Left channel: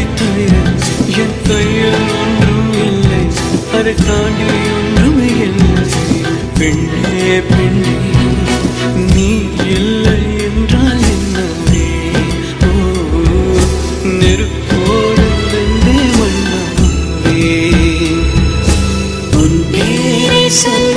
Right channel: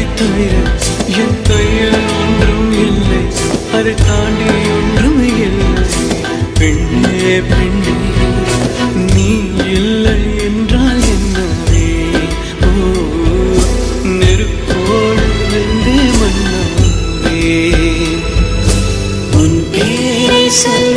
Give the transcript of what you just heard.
உன்னை தவிர என் கையில் ஒன்றும் இல்லை, அதை தாண்டி ஒன்றும் இல்லை. பெண்ணே பெண்ணே நீ இல்லை என்றால் என்னவே? ஓ நெருப்போடு வெந்தே மண்ணாவே. உன் பேரை சொல்ல